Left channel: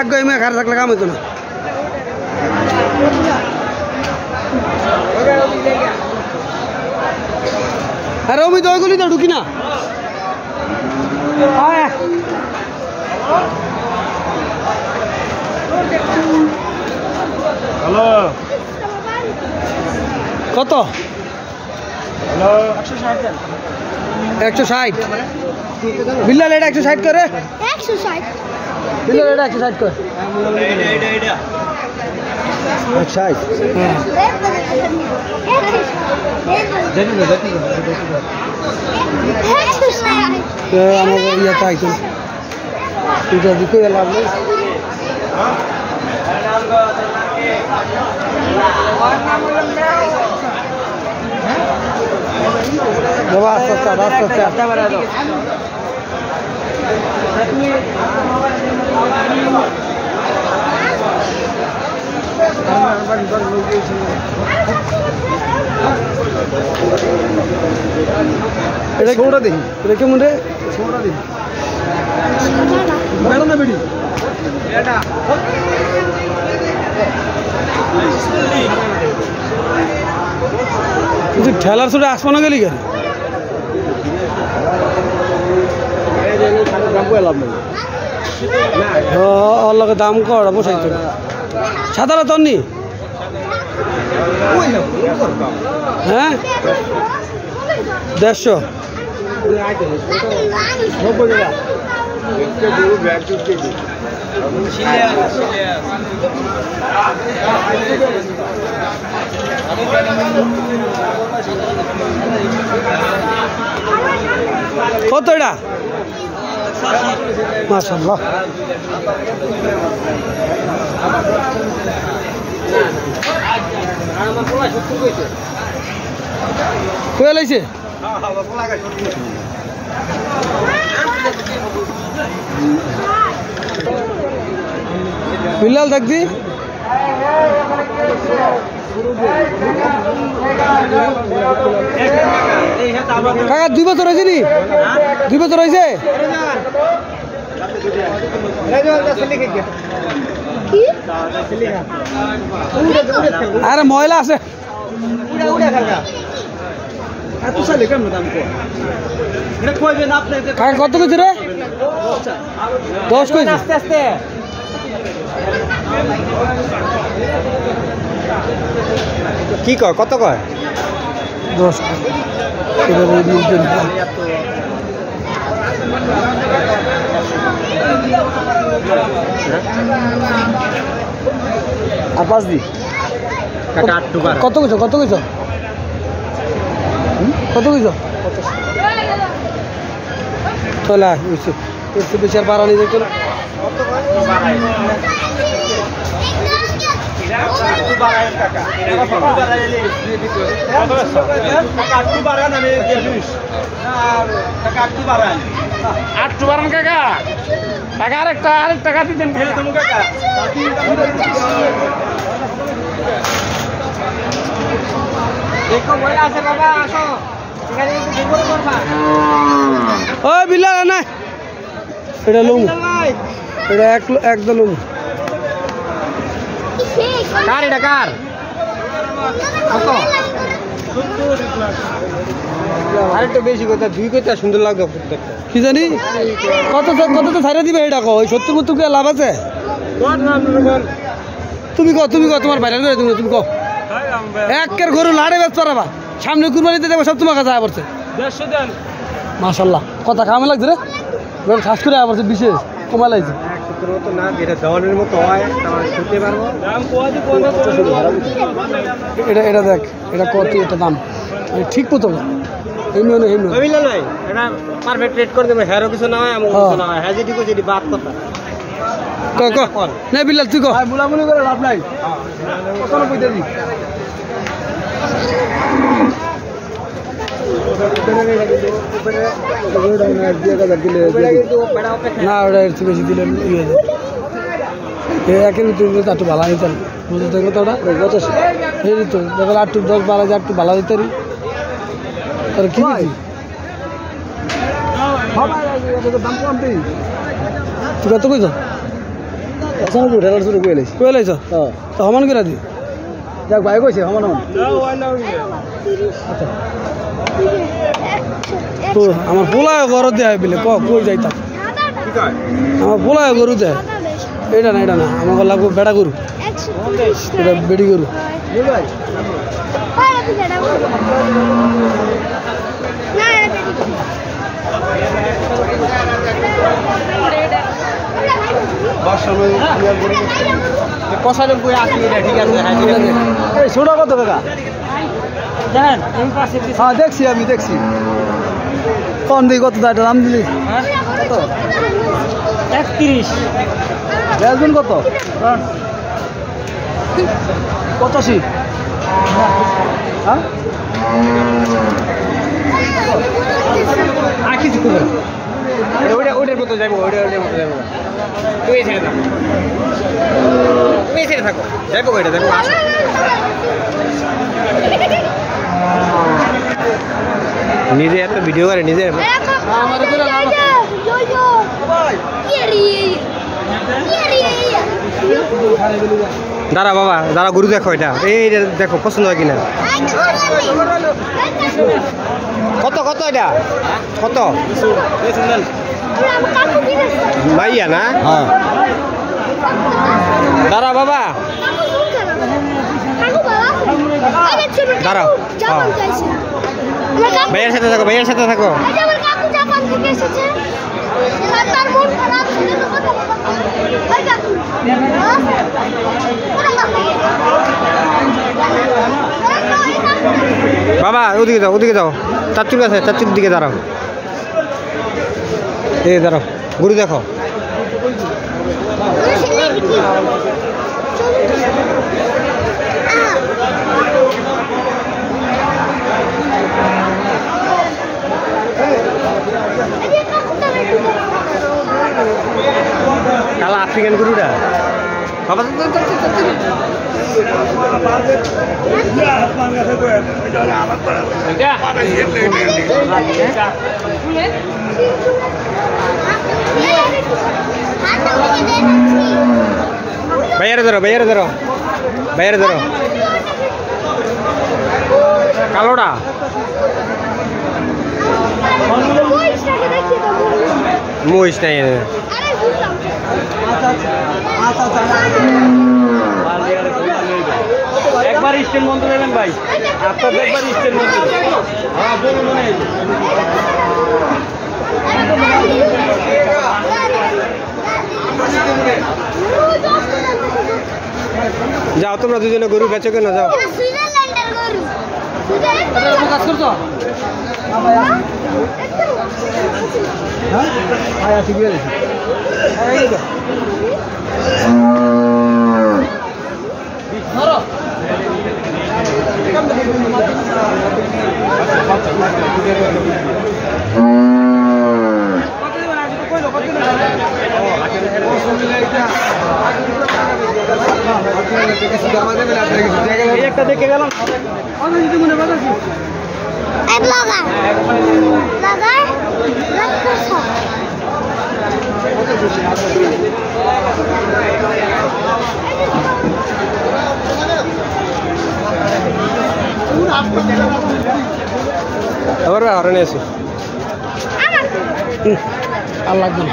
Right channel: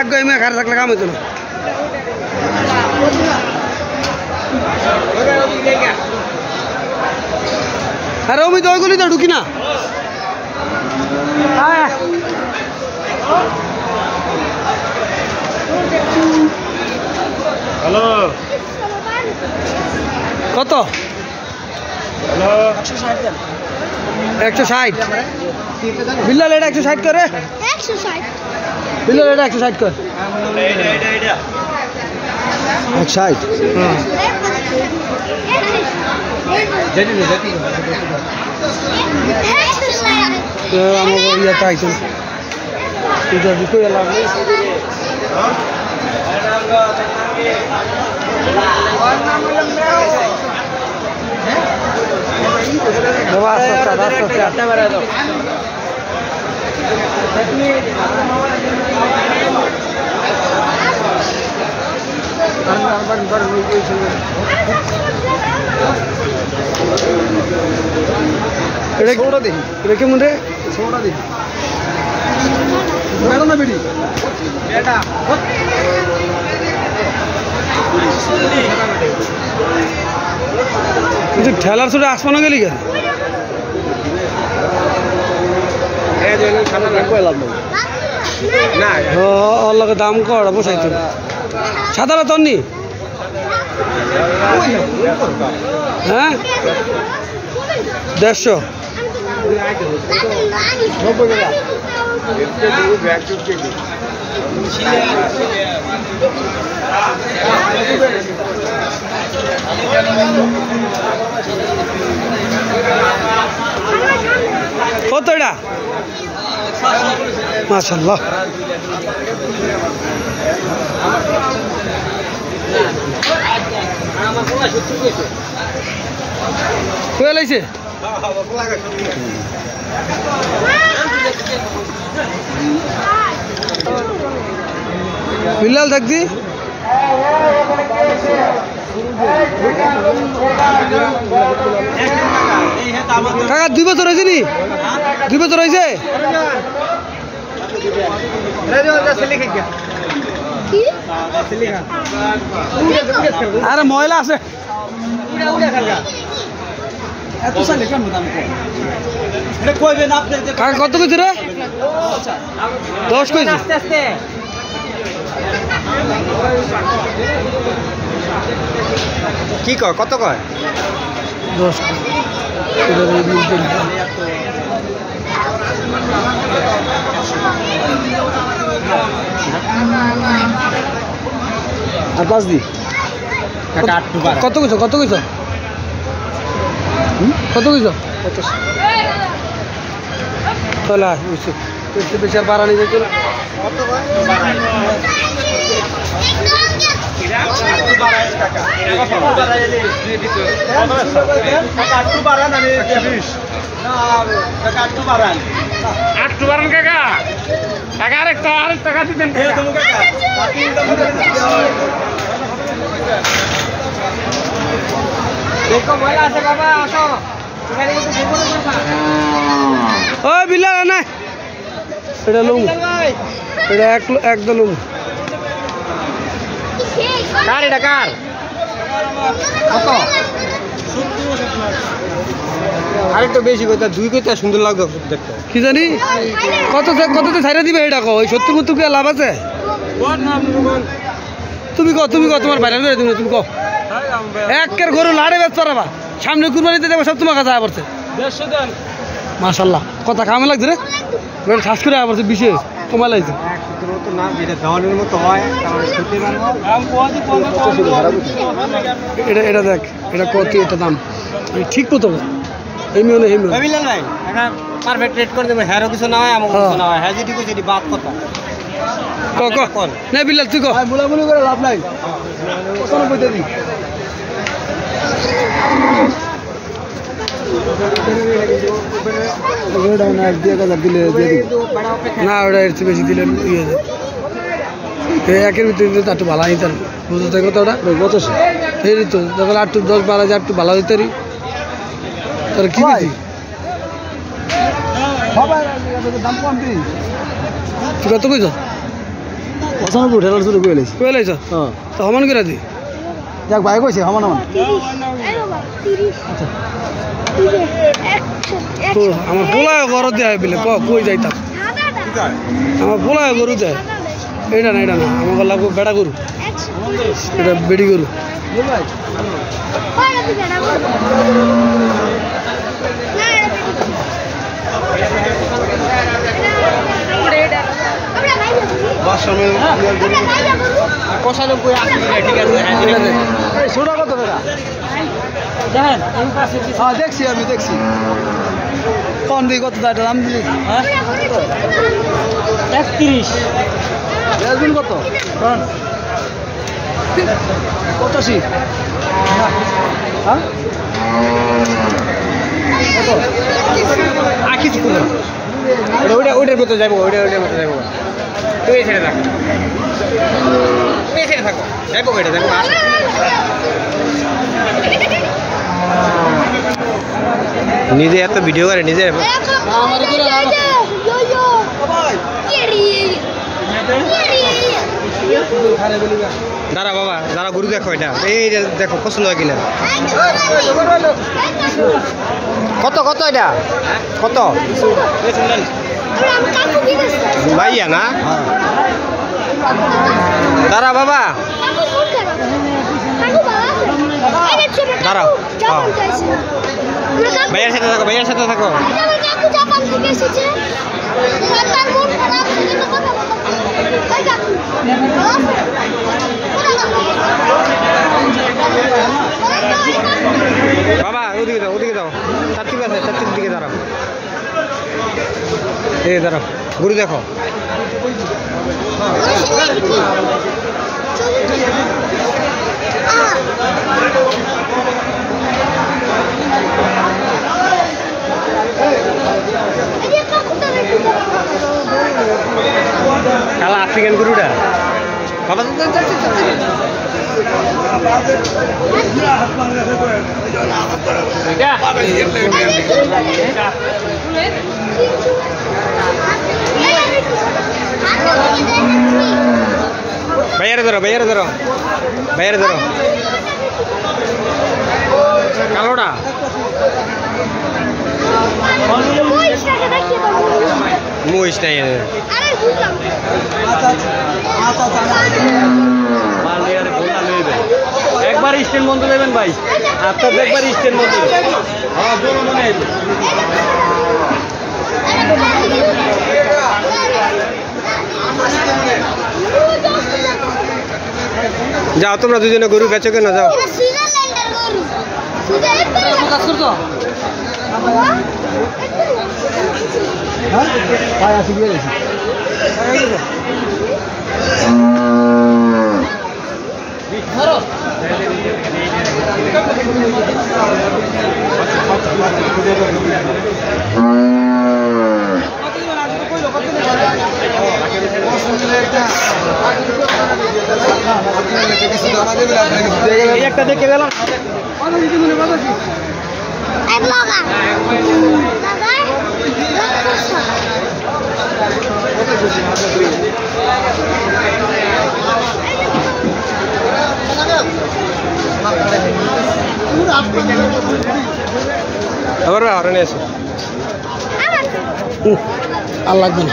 আগে এমনি ঘাড়ে থাকলে কাম হইতো না। আরে আমি তো ওইগুলি তো ঢুকি না। হ্যালো কত? 160। বিল্লাল এটা 160 করে। 160 বিল্লাল এটা 160 করে। 160। হ্যাঁ আমার ইয়েটা আইতো না। এটা দিতে এলাম না। বাবা সস্তা সস্তা। এটা কেমন রে? কিন্তু ঠেলার সাথে আসমানো গেলি কেন? অল্লাকে দাম কর বসাইতো সাদারা তোর নি। হ্যাঁ 150। কত এটা? মাশাআল্লাহ। কয়ে লাইছে বিল্লাল থাকছি। কাকা 2 বছর হয়েছে নি? 2 বছর হয়েছে? আরে ময়লা আছে। কাকা কত কইছে রে? 10 কইছে। কি কয় কত কয়? 10। পাঁচ দি কত কইছ? কত কইছ? কত কইছ? চলা বেশি আর বাড়া নিবে চলো। আরেকটা দিতেন ওই বিল্লাল না এটা লুম এটা একদম লুম কার এটা কার কত আরেকটু বেশি কথা 2 কইতে সুন্দর লাগবে দেখতে কি জানি কততে ছাইরা দিবে এটা কো ওই 70 মতো কি লাভ আছে তুমি কো তোমার ভাইরাল করে তুমি কো একের গরু লাড়ে বেচ পারবা সামনে কুরবানিতে দেব সব তোমার কাছে আইবছে 150 দেন মাশাআল্লাহ কথা কামে লাগছে রে বের খাস করে আইবছে বিশেষ কমা লাইছে 117 তো না যেটা দহনের মতো হয় আমরা শুনতে পারবো দাম এটা দেখ এটা কত এটা দাম আমি ঠিক মতো এমনি না এমনি বিল্লাল ভাই এটা পারফেক্ট রেট করে দেব হেরো কিছু না হয় আমো কিছু না হয় হাজি দিকো যদি বাত কথা ক না বিল্লাল তুই কো মুলামুলি করে লাভ নাই কত কইতে দি না ওটা একটু বেশি দিলে ইয়ে একের ভিতরে একটু ভালো তার বুঝতে কত ওটা 85 এই তো যখন 8 10 12 একটু ভালো হইতে রি তোর কি দিছি দাম কম দিই তুই কত কইছ 95 টাকা শুরু কইলাইছ কইলাইছ তো সমান করে দি যাক ভাই কইছে সমান সমান আচ্ছা তো আমার পোলা গরু দেয় বলে কই যাইতাম আমার পোলা গরু দেয় এটা না আমার লাগবে বেড়া গরু এটা বেড়ি গরু দেখছি আমি দেখছি কোন দিকে কত দাম দিলি 31 কত 85 হ্যাঁ আকি দিকু ওইটার মতো যাইব ওইটার মতো যাইব তো এই ছেড়ে থাকো এই ছেড়ে থাকো যাইব ওইটা দেখো নিজে এত ভিডিও করে নিজে আমার করে লাভ দাঁড়া বাবা দাঁড়া গরু দেখো এটা এই দেখো পছন্দ হয় কিনা কত কত এটা কত ভাইয়া না দাঁড়া বাবা দাঁড়াও ভাইয়ার সাথে থাকো বাবা ওদিকে দাও চাচুর কাছে চাচুর দিকে দাঁড়াও এই দাঁড়াও গরু দেখো কালা আফ্রিকান গরুটা বাবা বাইরে ধরো কালোটা মহিষ নাই একবার স্টেন বন্ধ দেবেন ভাই আপনার একবার স্টেন বন্ধ হ্যাঁ বলুন মনে যাও তোমরা দুজনে গরু বেচো কেন যাও একটা দেখে গেলাম আবার হরণে আছে আর লাগবে না